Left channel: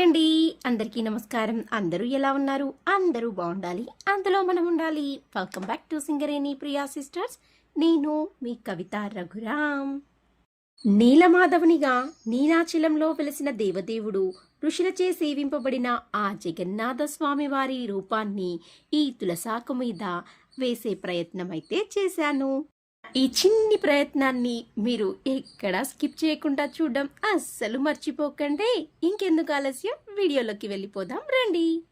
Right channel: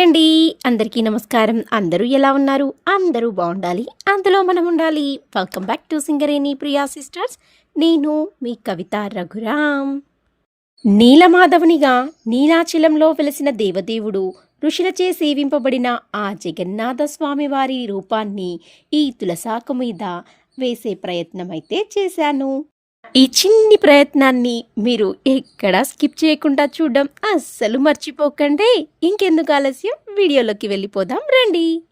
Hi అండి. అందరికీ నమస్కారం. అందరూ ఎలా ఉన్నారు? అందరూ బాగుండాలి. అందులో మనం ఉండాలి. Welcome back to Singareni Priya sisters నేను మీ కవిత రఘురామ్. నీలమాధవునిగా నీలాచలంలో వెలిసిన దేవదేవుడు ఋషులచే సేవింపబడిన ఆ జగన్నాథ స్వామి వారి రూపాన్ని ఈ తులసాకు మీద వేసే ప్రయత్నమైతే చేశాను. ఈ చిన్ని ప్రయత్నాన్ని మీరు ఎక్కడా స్కిప్ చేయకుండా చూడడం అస్సలు మర్చిపోకండి. ఇంకెందుకు ఆలస్యం? వీడియోలోకి వెళ్ళిపోదాం రండి.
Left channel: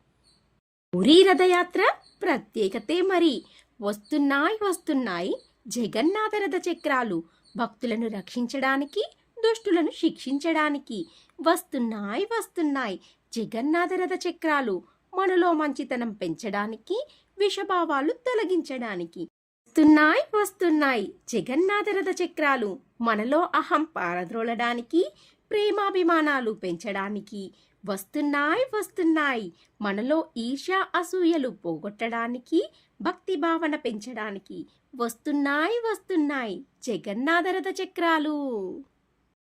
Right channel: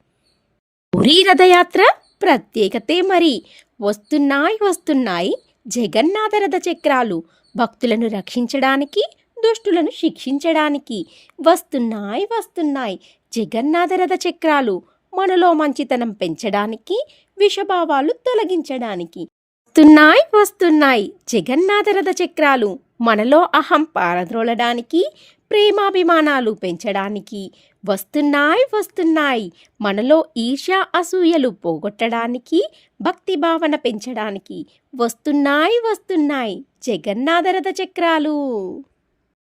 పురీ రథయాత్ర ప్రత్యేకతే మరి. వస్తున్నాయి వస్తున్నాయి జగన్నాథ రథ చక్రాలు. భక్తులను రక్షించడానికి దుష్టులను శిక్షించడానికి వస్తున్నాయి వస్తున్నాయి జగన్నాథ రథ చక్రాలు. మనలో మంచితనం పెంచడానికి విషభావాలు తొలగించడానికి వస్తున్నాయి వస్తున్నాయి. జగన్నాథ రథ చక్రాలు మనలో అహం పారద్రోలడానికి ప్రేమాభిమానాలు పెంచడానికి. వస్తున్నాయి వస్తున్నాయి. మనలో ఈర్ష్య అసూయలు పోగొట్టడానికి భక్తి భావన పెంచడానికి. వస్తున్నాయి వస్తున్నాయి. జగన్నాథ రథ చక్రాలు.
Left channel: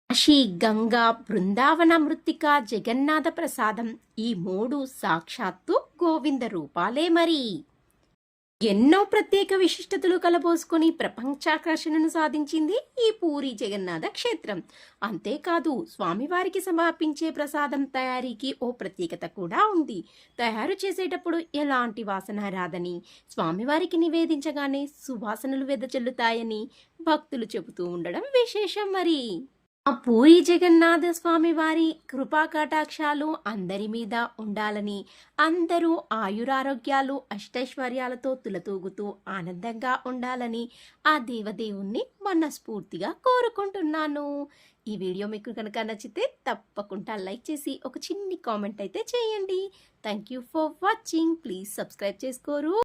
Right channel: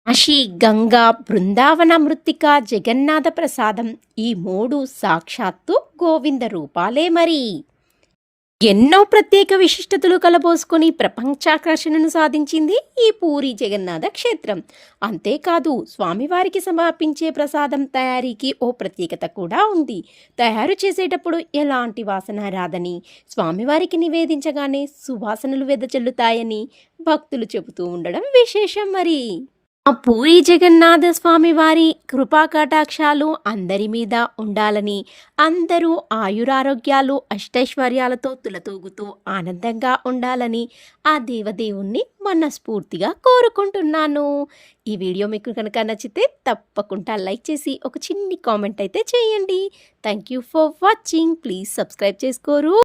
కాశీ గంగా బృందావన మృత్తిక జగన్నాథ ప్రసాదం ఈ మూడు సాక్షాత్తు గోవింద రూపాలే మరి. ఎన్నో ప్రత్యేక విశిష్టతలు కలబోసుకొని ప్రపంచాకర్షణను సాధించింది ఈ పూరి జగన్నాథ క్షేత్రం. అంతేకాదు స్వామివారికి సమర్పించే ప్రసాదం తయారీకి ఓ ప్రత్యేకత కూడా ఉంది. తయారు చేసేటప్పుడు ఎలాంటి వాసన రాదని స్వామివారికి నివేదించగానే సువాసనలు వెదజల్లుతాయని భక్తులు చెబుతూ ఉండడం విశేషం మరి. ఆ పూరి జగన్నాథ స్వామి వారి కృపా కటాక్షాలు అందరి మీద ఉండాలని అందరూ ఆయురారోగ్యాలు అష్టైశ్వర్యాలతో తులతూగుతూ ఆనందంగా ఉండాలని ఆ దేవదేవుణ్ణి మనస్ఫూర్తిగా కోరుకుంటున్నాను. ఈ వీడియో మీకు కనుక నచ్చితే తప్పకుండా లైక్ చేసి ఒక చిన్ని కామెంట్ అయితే చేయండి. Thank you for watching please subscribe చేసుకోరు.